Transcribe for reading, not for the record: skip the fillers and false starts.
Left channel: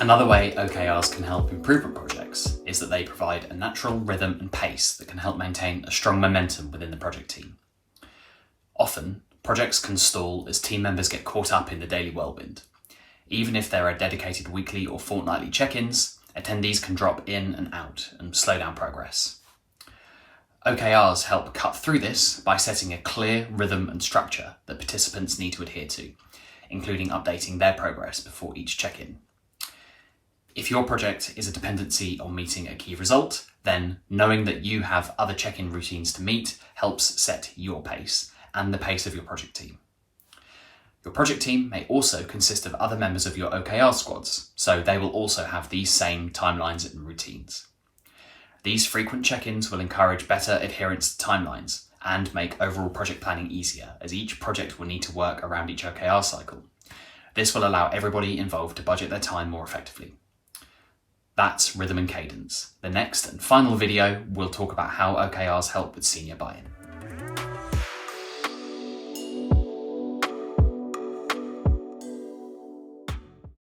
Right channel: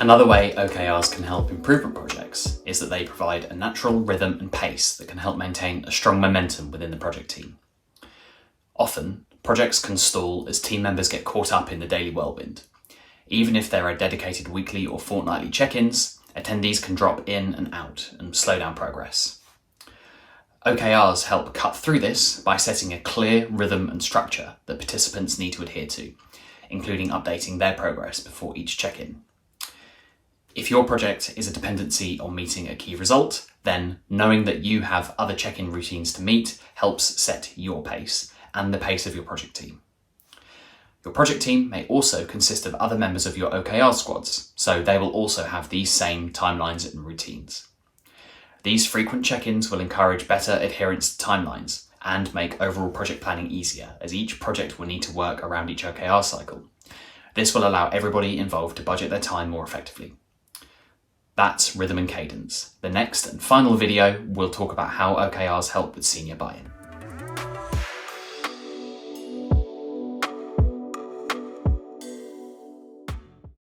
Another way OKRs can help improvement projects is that they provide a natural rhythm and pace that can help maintain a strong momentum within the project team. Often, projects can stall as team members get caught up in the daily whirlwind. Even if there are dedicated weekly or fortnightly check-ins, attendees can drop in and out and slow down progress. OKRs help cut through this by setting a clear rhythm and structure that participants need to adhere to, including updating their progress before each check-in. If your project is a dependency on meeting a key result, then knowing that you have other check-in routines to meet helps set your pace and the pace of your project team. Your project team may also consist of other members of your OKR squads, so they will also have these same timelines and routines. These frequent check-ins will encourage better adherence to timelines and make overall project planning easier, as each project will need to work around each OKR cycle. This will allow everybody involved to budget their time more effectively. That's rhythm and cadence. The next and final video will talk about how OKRs help with senior buy-in.